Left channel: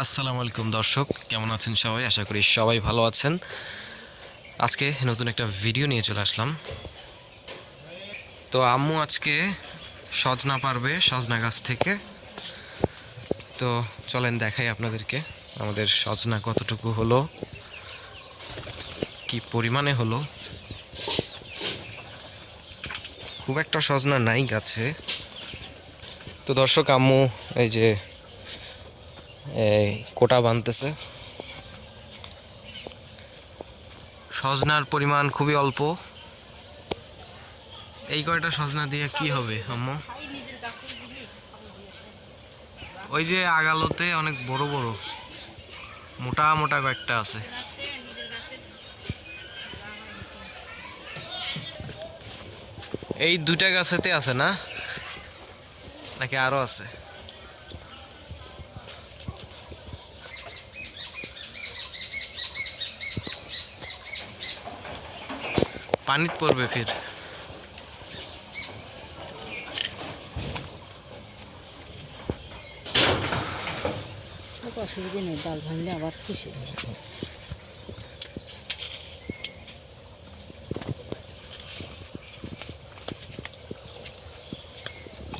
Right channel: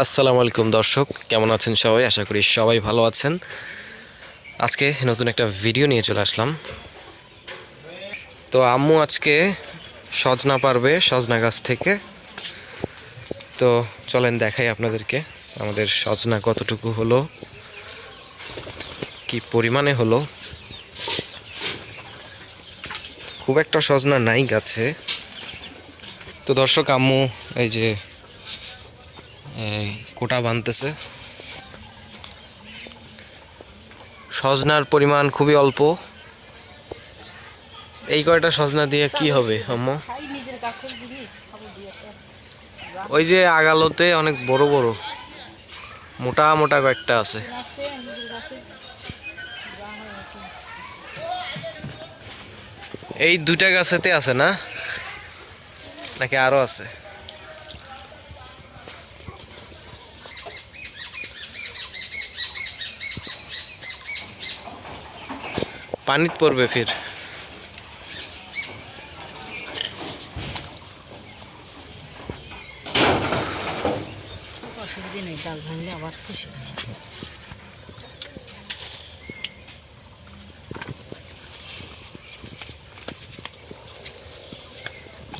আসসালামু আলাইকুম দর্শক, কেমন আছেন সবাই? আশা করি সবাই ভালো আছেন। আজকে নতুন একটা ভিডিও নিয়ে চলে আসলাম। তো আম্মু আজকে সজনা পারবে, সজনা গাছ থেকে। তো চলেন দেখাই আপনাদেরকে আমাদের সজনা কতটুকু হলো, কি পরিমাণে হলো। খুব একটা সজনা নাই গাছে। তো দর্শক, আম্মু এই যে কোটা বানতেছে সজনার পরিমাণ খুবই অল্প। এই কয়টা সজনা দিয়ে কি হবে, আম্মু? ওই যে আগালোতে অনেক বড় বড়, মোটা মোটা কয়েকটা আছে। এই দুইটা গাছেতে আছে না? নাকি আরও আছে? পানিত পড়বে ফির। তো নেই ডাল ভাঙলে আবার খুশি।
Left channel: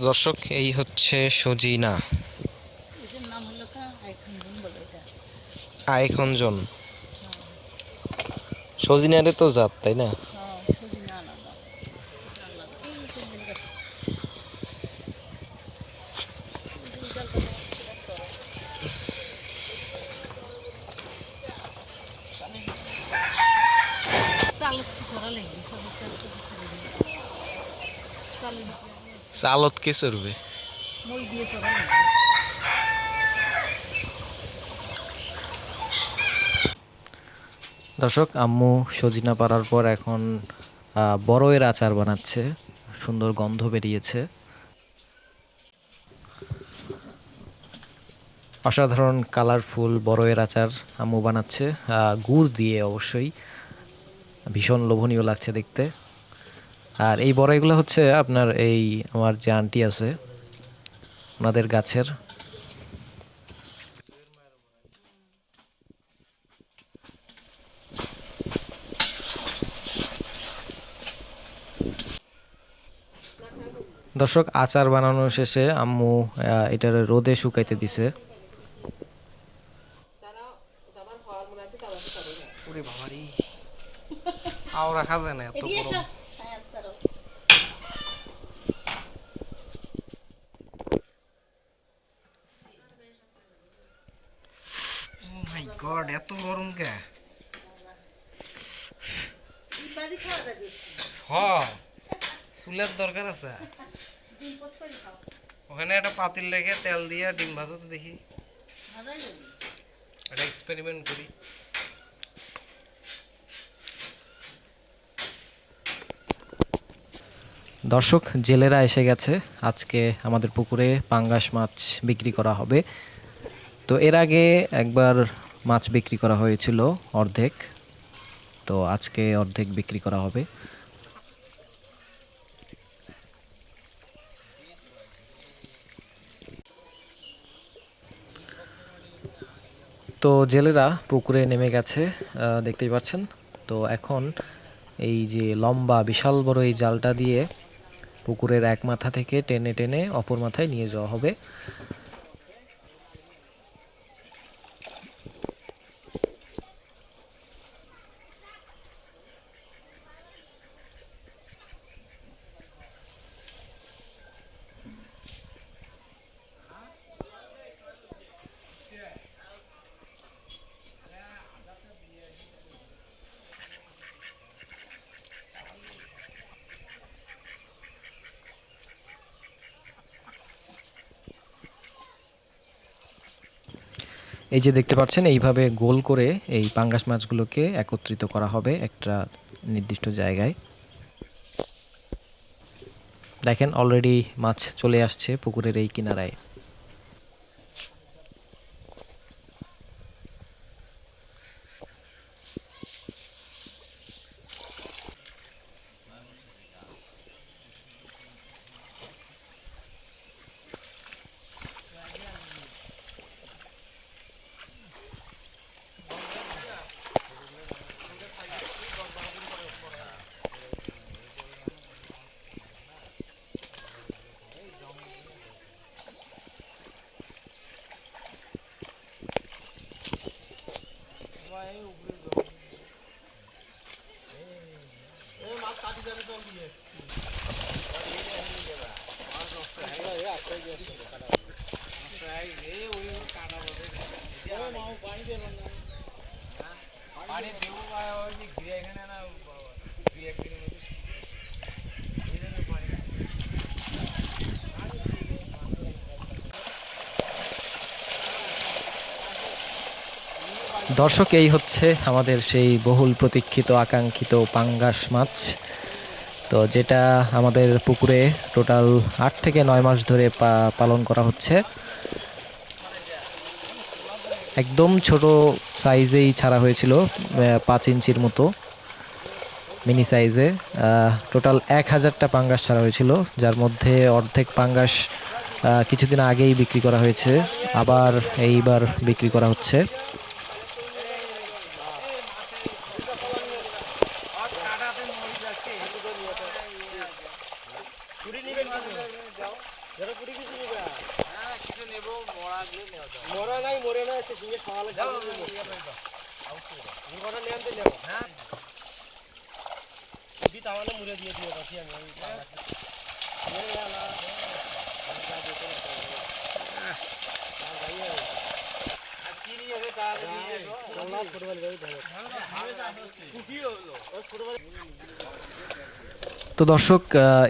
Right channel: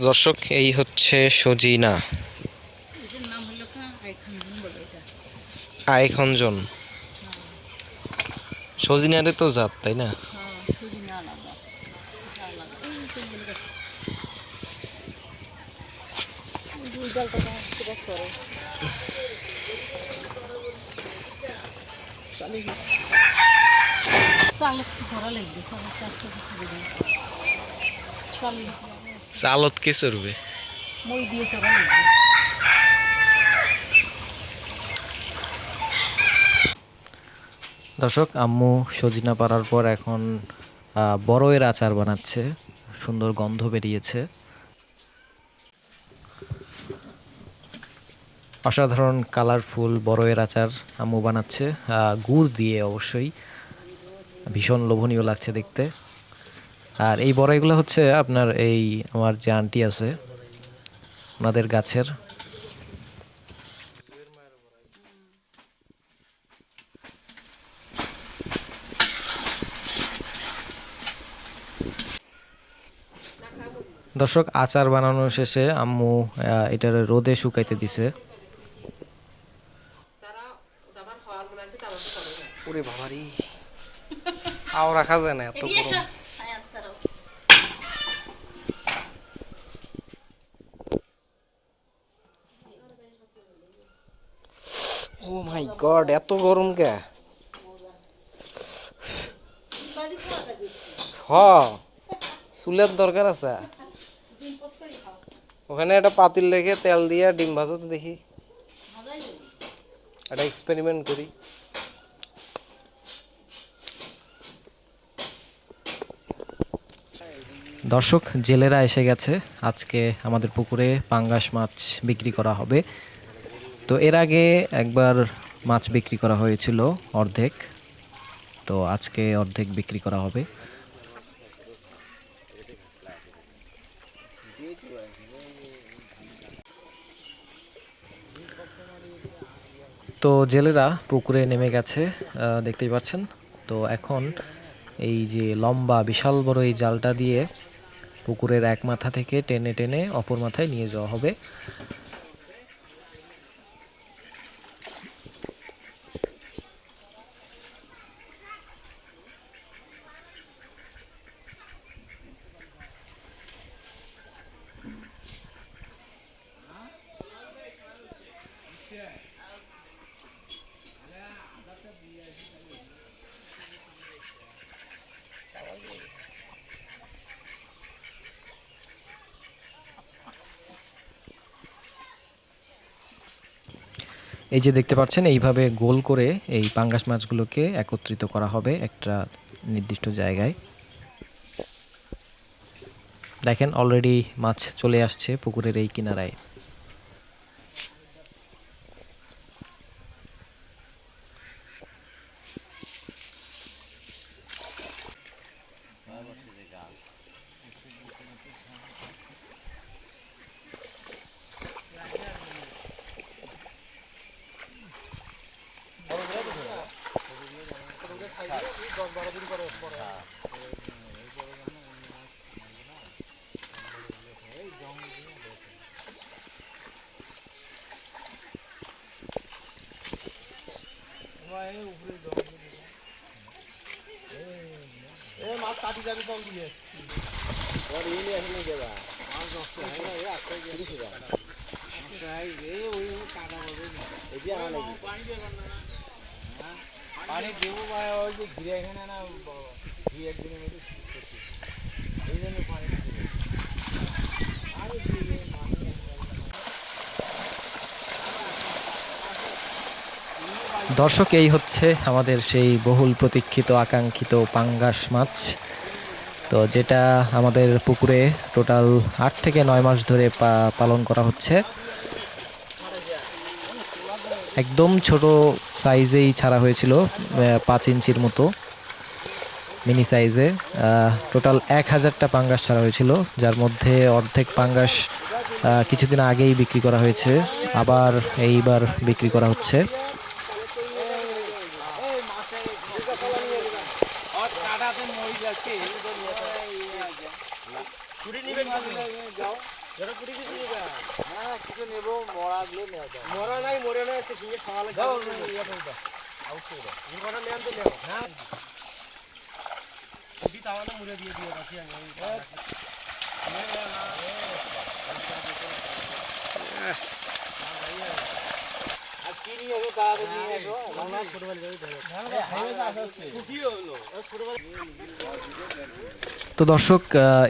দর্শক এই হচ্ছে সজিনা। আইখঞ্জন সজিনারে তো জাত তাই না হ্যাঁ সজিনা আলাদা এটা আলাদা এই তো বলে গেছে দুই ডালটা সেটা করে চালত কি চড়বে? দর্শক, আম্মু সজিনা পাড়ার পর এখন বড়য়ের আচার বানাচ্ছে, সুন্দর গন্ধ বেরিয়েছে। অসাধারণ কালারফুল বড়য়ের আচার আম্মু বানাচ্ছে গুড় দিয়ে অবশ্যই। ভীষণ লোভনীয় লাগছে দেখতে। আর এই বড়াইগুলো হচ্ছে আপনার এই আমার যে আন্টি আছে, ওনাদের গাছের। দর্শক, আচার বানানো শেষে আম্মু এটার রোদে শুকাইতে দিছে। আও রাখা যায় না এত গরম ও মাই গড এত গরম কে? হ চুলের দরকার আছে। ওখানে একটা পাতিল রেখে তেল দিয়ে ডিম ভাজো তো দেখি। একটা এক্সপেরিমেন্ট করি। দর্শক, জেলেরা এসে গেছে। আজকে আমাদের পুকুরে পাঙ্গাস মাছ বিক্রি করা হবে। তো এর আগে একবার মাছ বিক্রি করা হয়েছিল অর্ধেক। তো আজকে অর্ধেক বিক্রি করা হবে। তো জেলেরা পুকুরে নেমে গেছে দেখতেই পাচ্ছেন। তো এখন এই যে লম্বা, বিশাল বড় এই জালটা দিয়ে পুকুরের এক মাথা থেকে টেনে টেনে অপর মাথায় নিয়ে যাওয়া হবে। এই যে দেখতে পাচ্ছেন, এইভাবে গোল করে এই পাঙ্গাস মাছগুলোকে একত্রিত করা হবে একটা নির্দিষ্ট জায়গায়। দেখেন অলরেডি মাছ চলে আসছে পুকুরের এই কিনারায়। মাছ কাটি যাবে তখন দিয়ে মাছ নষ্ট হয়ে গেছে আস্তে গেছে কাটা ওই কাটা পাবে পানি দেবেন না দেবো ওই যে ঘিরে এখানে না দুই একদিনের মধ্যে এই জন্য পানি দর্শক, এই হচ্ছে আমাদের সেই বহুল প্রতীক্ষিত, আকাঙ্ক্ষিত পাঙ্গাস মাছ। তো যেটা আমাদের পুকুরে টোটাল আট থেকে নয় মাস ধরে পালন করা হচ্ছে। একদম ছোট সাইজেই ছাড়া হয়েছিল পাঁচ ইঞ্চির মতো, মিনি সাইজে। টোটাল এক হাজারটা পাঙ্গাস ছাড়া হয়েছিল, যার মধ্যে অর্ধেক পাঙ্গাস কিছুদিন আগেই বিক্রি করা হয়েছে, আবার এইবার বিক্রি করা হচ্ছে। কিছু নেব মরাগুলো নেওয়া যাবে। মরা নাই মরে নাই আছে ইয়ে করে দাও আউট করে দাও আনতে নেও হ্যাঁ। দি তাহলে মুড়ে দিয়ে দিয়ে রাখি আমি ওই আর কি নিয়ে হবে তাড়াতাড়ি নিয়ে আসো আমরা ফুটবল যাই ধরো কি হলো তো দর্শক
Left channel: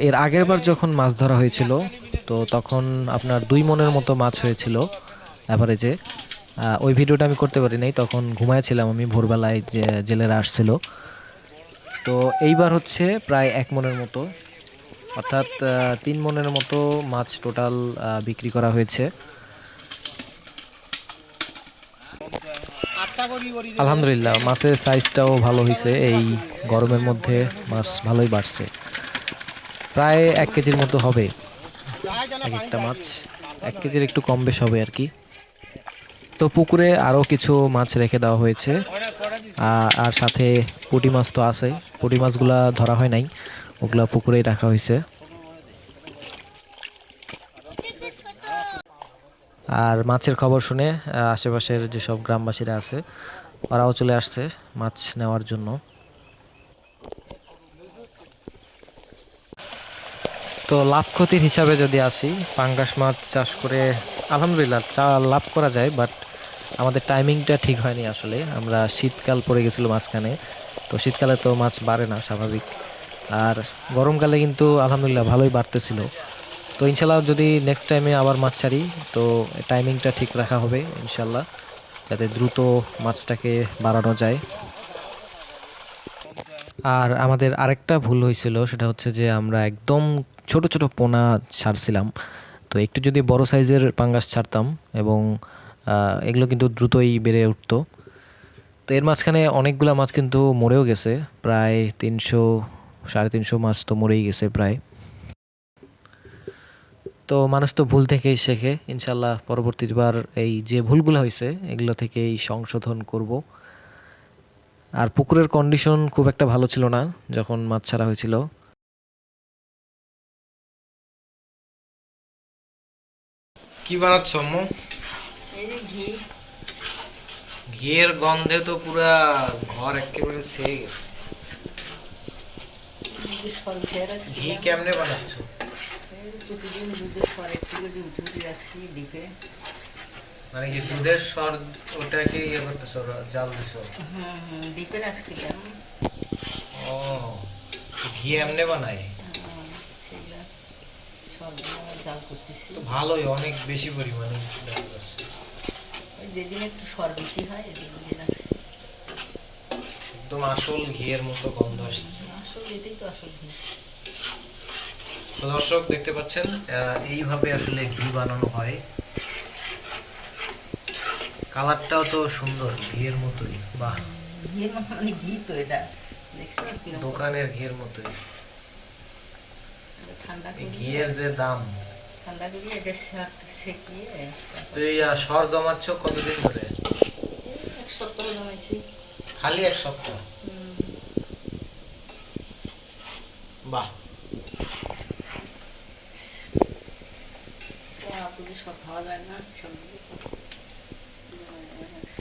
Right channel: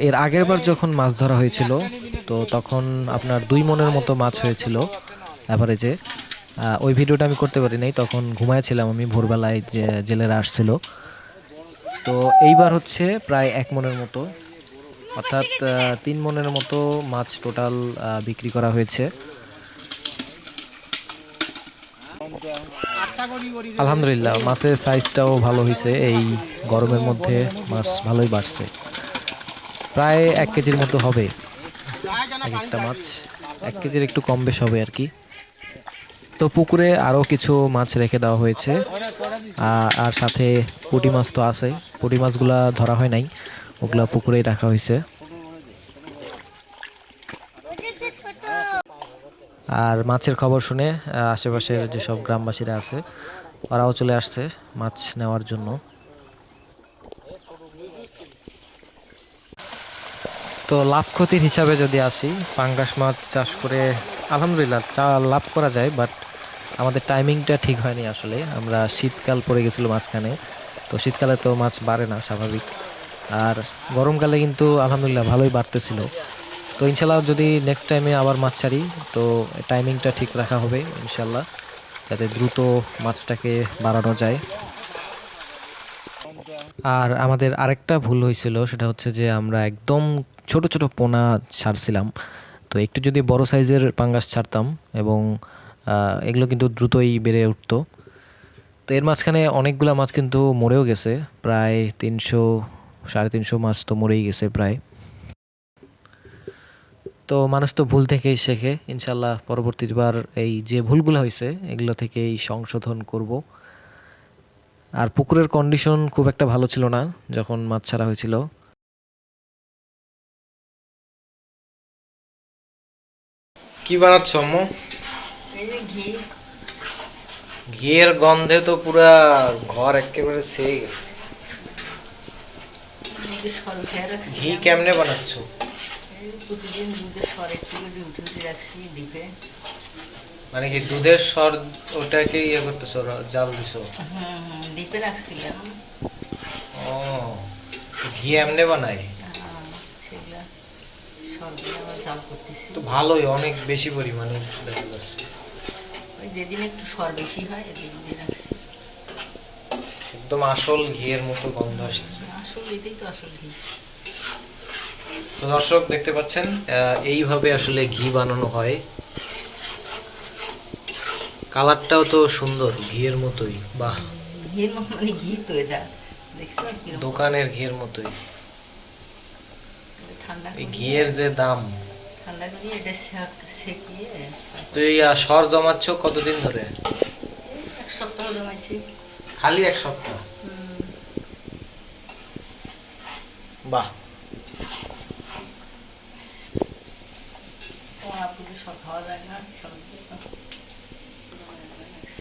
এর আগের বার যখন মাছ ধরা হয়েছিল, তো তখন আপনার দুই মনের মতো মাছ হয়েছিল অ্যাভারেজে ওই ভিডিওটা আমি করতে পারি নাই, তখন ঘুমাইছিলাম আমি, ভোরবেলায় যে জেলেরা আসছিল। তো এইবার হচ্ছে প্রায় এক মনের মতো, অর্থাৎ তিন মনের মতো মাছ টোটাল বিক্রি করা হয়েছে। আলহামদুলিল্লাহ, মাছের সাইজটাও ভালো হয়েছে এই গরমের মধ্যে মাছ ভালোই বাড়ছে। প্রায় এক কেজির মতো হবে। এক একটা মাছ এক কেজির একটু কম বেশ হবে আর কি তো পুকুরে আরও কিছু মাছ রেখে দেওয়া হয়েছে। আর সাথে পুটি মাছ তো আছে। পুঁটি মাছগুলা ধরা হয় নাই। ওগুলা পুকুরেই রাখা হয়েছে আর মাছের খবর শুনে আশেপাশের যেসব গ্রামবাসীরা আছে, ওরাও চলে আসছে মাছ নেওয়ার জন্য। তো লাভ ক্ষতির হিসাবে যদি আসি, পাঙ্গাস মাছ চাষ করে আলহামদুলিল্লাহ চা লাভ করা যায় বাট আমাদের টাইমিংটা ঠিক হয়নি আসলে। আমরা শীতকাল পড়ে গেছিল মাঝখানে, তো শীতকালে তো মাছ বাড়ে না, স্বাভাবিক। আর গরমকালে কিন্তু আলহামদুলিল্লাহ ভালোই বাড়তেছিল। তো ইনশাল্লাহ যদি নেক্সট টাইমে আবার মাছ ছাড়ি, তো টাইমিংটা ঠিক রাখা হবে ইনশাল্লাহ, যাতে দ্রুত মাছটাকে বাড়ানো যায়। আর আমাদের আরেকটা ভুল হয়েছিল, সেটা হচ্ছে যে আমরা একদম ছোট ছোট পোনা ছাড়ছিলাম। তো একটু যদি বড় সাইজের পাঙ্গাস ছাড়তাম এবং এগুলো কিন্তু দ্রুতই বেড়ে উঠতো। তো এর মাঝখানে অনেকগুলো মাছ কিন্তু মরেও গেছে, প্রায় তিনশো, সাড়ে তিনশো মাছ তো মরেই গেছে প্রায়। তো মানুষ তো ভুল থেকেই শেখে। ইনশাল্লাহ পরবর্তীবার এই যে ভুলগুলো হয়েছে এগুলো থেকেই সংশোধন করব। আর পুকুরের কন্ডিশন খুব একটা ভালো ছিল না যখন মাছ ছাড়া হয়েছিল। কি বানাচ্ছ আম্মু? এই যে ঘি। ঘিয়ের গন্ধে তো পুরা ঘর একেবারে সেরে গেছে। ঘি কেমনে বানাচ্ছ? প্রতিদিন দুধের সর একটু করে উঠে উঠে রাখছি ডিপে। মানে কি দুধের স্বর ওটাকে ইয়ে করতেছো জাল দিছো? হুম রাখছিলাম। ও ঘি এমনে বানাই করতেছি। তো ভালোই অনেক বেশি পরিমাণে দেখা যাচ্ছে। যেদিন একটু সর বেশি হয় রাখছি। একদম আসল ঘিয়ের মতো গন্ধ আসতেছে। আসল এটাই তো আসল ঘি। তো দর্শক দেখতে পাচ্ছেন এইভাবে আসলে ঘি বানানো হয়। কালারটাও তো সুন্দর ঘিয়ের মতোই। বাহ! মতো মানে ঘি তো এটা। দোকানের ঘিয়ের মতোই। এই ঘিয়ের যে দাম। ঠান্ডা করে এটা সেক- সেকিয়ে তো এই আহ, সর জমাচ্ছ কতদিন ধরে? খালি এক সপ্তাহ? বাহ! ও আপুকে সব খাওয়া যায় না সব